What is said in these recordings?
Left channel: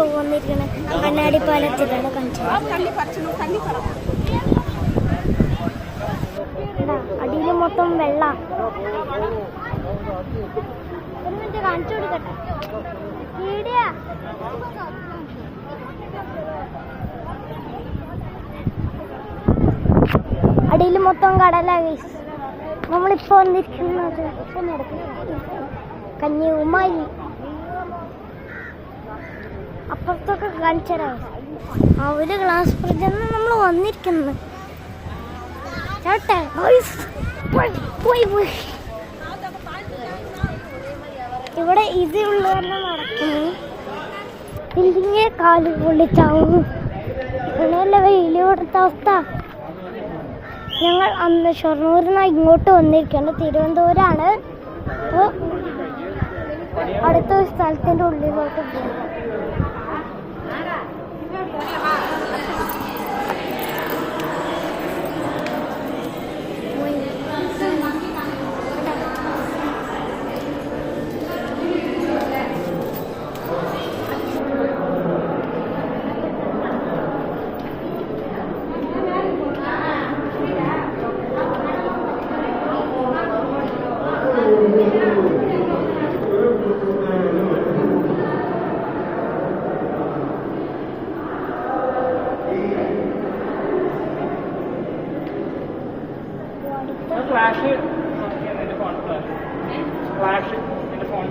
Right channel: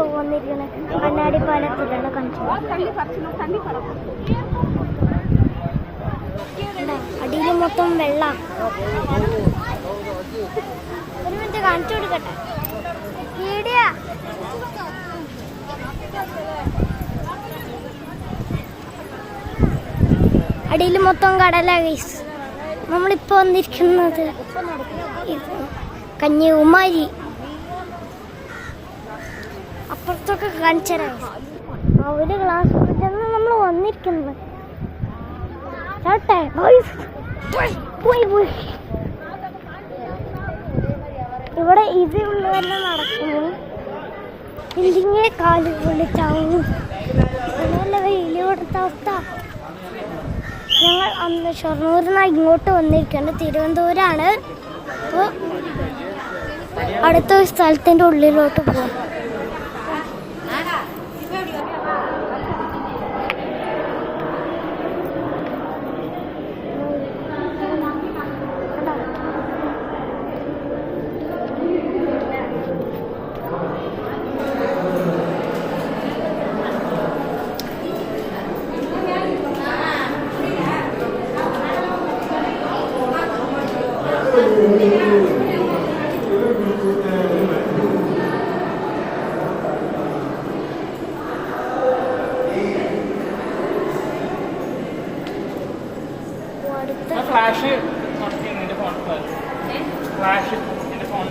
നമ്മളിപ്പോൾ വന്നിരിക്കുന്നത് കണ്ണാടി പാലത്തിലാണ് കാണിച്ചത്. അടിയിൽ മൊത്തം വെള്ള. ഒരു മിനിറ്റ് കാണിച്ചു കൊടുക്കട്ടെ. വീഡിയോ അടിയിൽ മൊത്തം കടല ഗൈസ്. നമ്മളിപ്പോൾ വന്നിരിക്കുന്നത് കന്യാകുമാരി. അപ്പുറത്തൊക്കെ കാണിച്ചരാ ഒരു ഗ്ലാസ് ബ്രിഡ്ജാണ് നമ്മൾ വന്നിരിക്കുന്നത്. ഇവിടെ ഇതുള്ള തന്നെ നടക്കുന്നു. ഇല്ലെങ്കിൽ കാല് പൊള്ളിച്ചാവും. അങ്ങനെയല്ല വലിയ കൊടുത്ത അവസ്ഥ. ഞങ്ങൾ അന്ന് ഷൊർണൂരിനാണ് ഇങ്ങോട്ട് വന്നിരിക്കുന്നത്. തിരുവനന്തപുരമാണ്. അപ്പോൾ അടുത്തൊരു സ്ഥലത്തിൻ്റെ ഉള്ളിലോട്ട് പോകും. ഫ്ലാഷ് ഫ്ലാഷ് ഫോൺ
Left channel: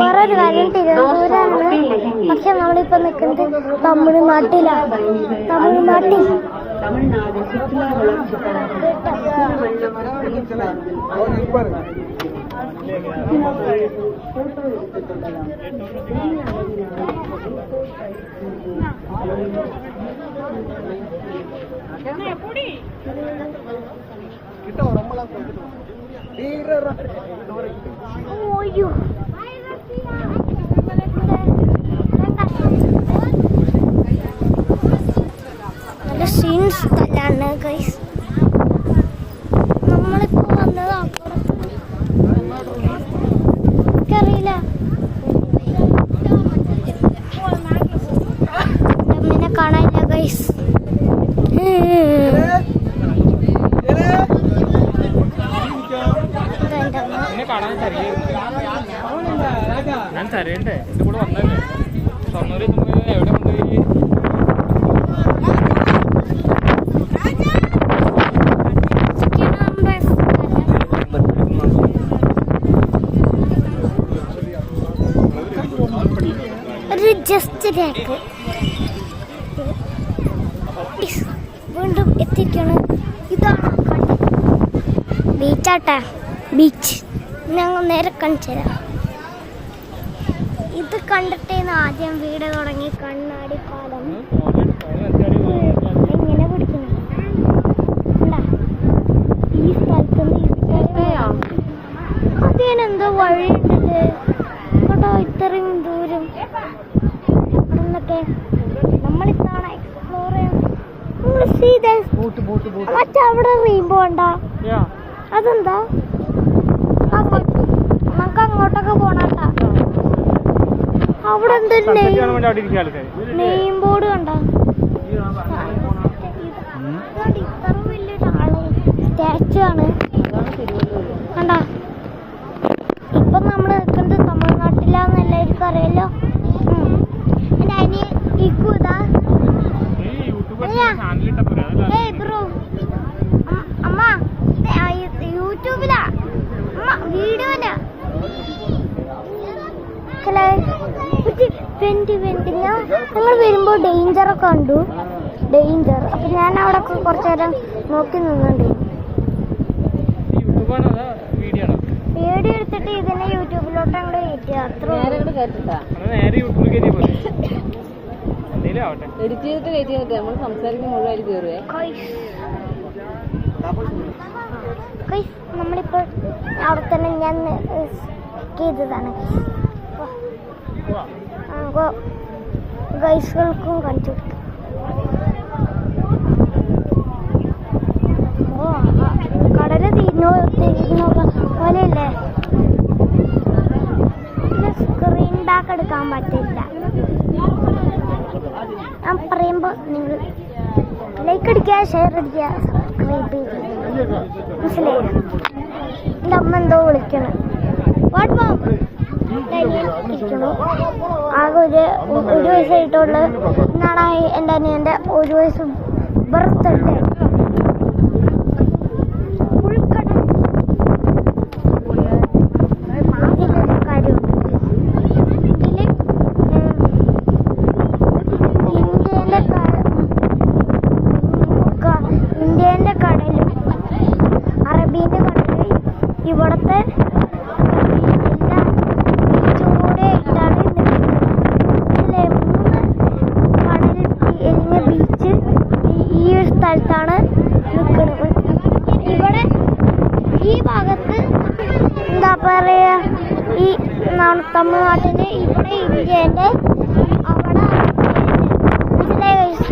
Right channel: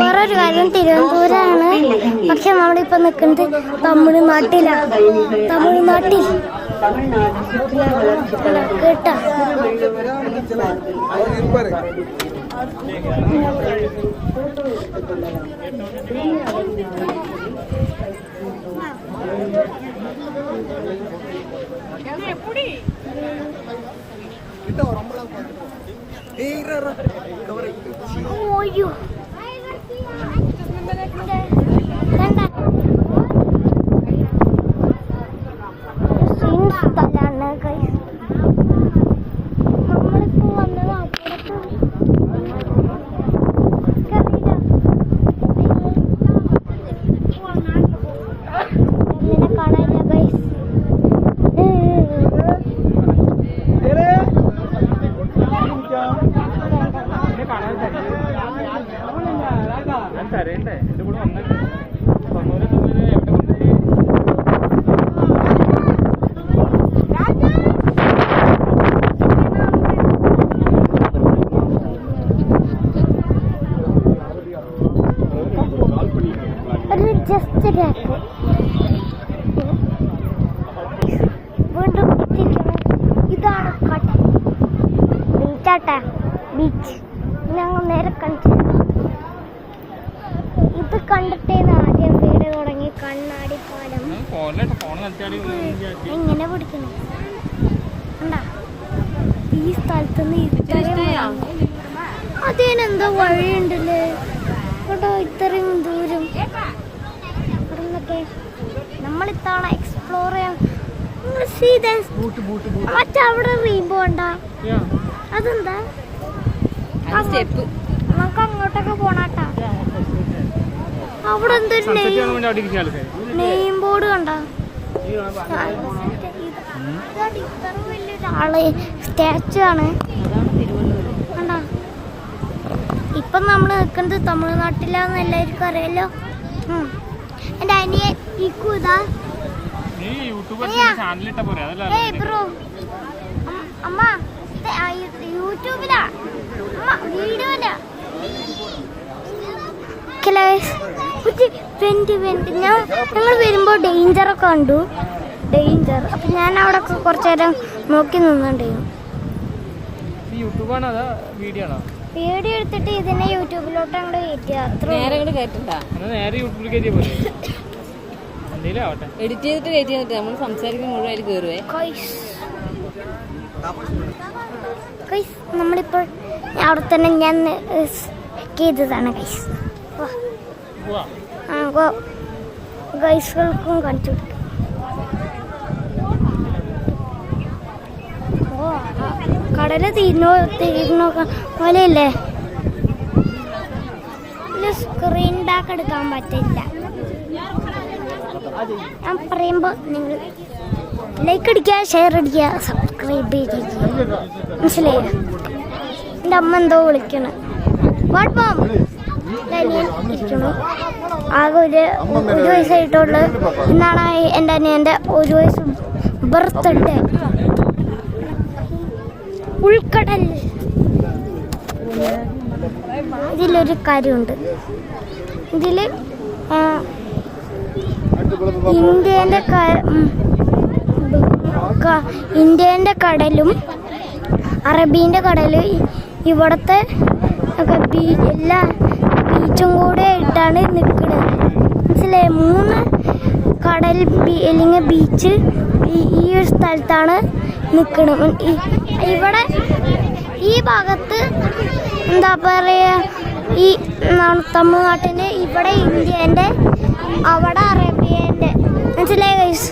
വേറൊരു കാര്യം, തിരുവനന്തപുരമാണ്. പക്ഷെ നമ്മളിപ്പോ നിൽക്കുന്നത് തമിഴ്നാട്ടിലാണ്. തമിഴ്നാട്ടിൽ കേട്ടോ. ഓയ്യോ സീൻ സ്ഥലമാണ് ഗൈസ്. നമ്മളിപ്പോ വന്നത് അപ്പുറത്തറിയില്ല. അമ്മനെ കാണാനില്ല ഗൈസ്. ഞാൻ തരേണ്ടേ എന്റെ കൂടെ വന്നല്ലേ തൊണ്ണൂറ് എവിടെ കൊണ്ടുപോയി. ഒരു ജസ്റ്റ് വീണ്ടും എത്തിക്കണം. ഇതാണ് ബീച്ചാട്ടെ. ബീച്ച് ഞങ്ങൾ നേരെ കാണിച്ചു തരാം. ഇത് കണ്ടിട്ടേന്ന് ആദ്യം വീട് തുടങ്ങി. കണ്ണാടി പാലം എങ്ങനെ പിടിക്കണം കണ്ടാ. ഈ സ്ഥലത്തുനിന്ന് അതിനെന്തോ വഴിയുണ്ടല്ലേ കേട്ടോ. ഇത്രയും ദൂരം എന്നൊക്കെ നമ്മളിത്തവണ എക്സ്പ്ലോർ ചെയ്യാൻ. മറ്റവിടെ റെയിൻബോ ഉണ്ടാ. അതെന്താ? നമുക്ക് അങ്ങോട്ടൊക്കെ പോണാട്ടാ. അവിടെ എന്തൊരു നെയിം ബോർഡ് കണ്ട. ഇത്ര വലിയൊരാള് സ്റ്റാച്ചു ആണ് കണ്ട. ഇപ്പം നമ്മൾ നിൽക്കുന്നത് തമിഴ്നാട്ടിലാന്ന് എല്ലാവർക്കും അറിയാലോ. എൻ്റെ അനിയൻ ഇതാ യൂട്യൂബ് ചാനലിട്ട പോലെ അതല്ല. ഏയ് ബ്രോ അമ്മ യൂട്യൂബിലാ അമ്മ വീഡിയോയിലാ ഞങ്ങൾ വരുമ്പോൾ ഡേഞ്ചറൊക്കെ കണ്ടു. ഡേഞ്ചർ അപ്പം ഞാൻ അവിടെ കുറച്ചു നേരം നോക്കി നിന്നുണ്ട്. വീഡിയോ എടുത്തിട്ട് ഇതിനെ യൂട്യൂബിലോട്ട് അങ്ങോട്ട് കയറ്റിയ അത്ര എഡിറ്റ് ചെയ്തിട്ട് കയറ്റി ചെയ്തിട്ട് നമ്മൾ സംസാരിക്കും മുഴുവൻ അതിൽ കയറുവേ. നമ്മളിപ്പോൾ അവിടെ തന്നെ ഞാൻ ചെയ്തതാണ് ഗൈസ്. ഗൈസുകൾക്കും കാണിച്ചു. ഓ കടല് തീർന്നു പോലെയല്ലേ. സ്ക്രീൻ ബാക്ക് എടുക്കാൻ പറ്റില്ല. ഞാൻ പറയുമ്പോൾ നിങ്ങൾ ലൈക്ക് അടിക്കുക, ഷെയർ അടിക്കുക, സബ്സ്ക്രൈബ് ചെയ്യുക. മനസ്സിലായോ? എൻ്റെ അമ്മ എന്തോ വിളിക്കണം. വാട്ട് മാം ഇരിക്കണു. ആകെ ഒരു വയസ്സായിട്ടുള്ള എന്നാണ് എൻ്റെ അനിയൻ്റെ ഒരു വയസ്സ് ബർത്ത്ഡേ. ഉൾക്കടൽ ഇതിലൊരു കാര്യമുണ്ട്. ഇതിൽ ഇന്ത്യൻ്റെ കടലും അറബീൻ്റെ കടലും ഇവിടുത്തെ എല്ലാ ബീച്ചും കൂടെ ആയിട്ടാണ് നിൽക്കുന്നത്. മനസ്സിലായി? 3 കടൽ അല്ലെങ്കിൽ ബീച്ച് ഈ ഒരു സ്ഥലത്താണ് നിൽക്കുന്നത്. ഇവിടെ ഈ ഭാഗത്ത് എന്താ പറയുക, ഈ തമിഴ്നാട്ടിൽ ഇവിടെ ഇന്ത്യൻ്റെ അവിടെ അറേബ്യൻ്റെ. മനസ്സിലായി ഗൈസ്?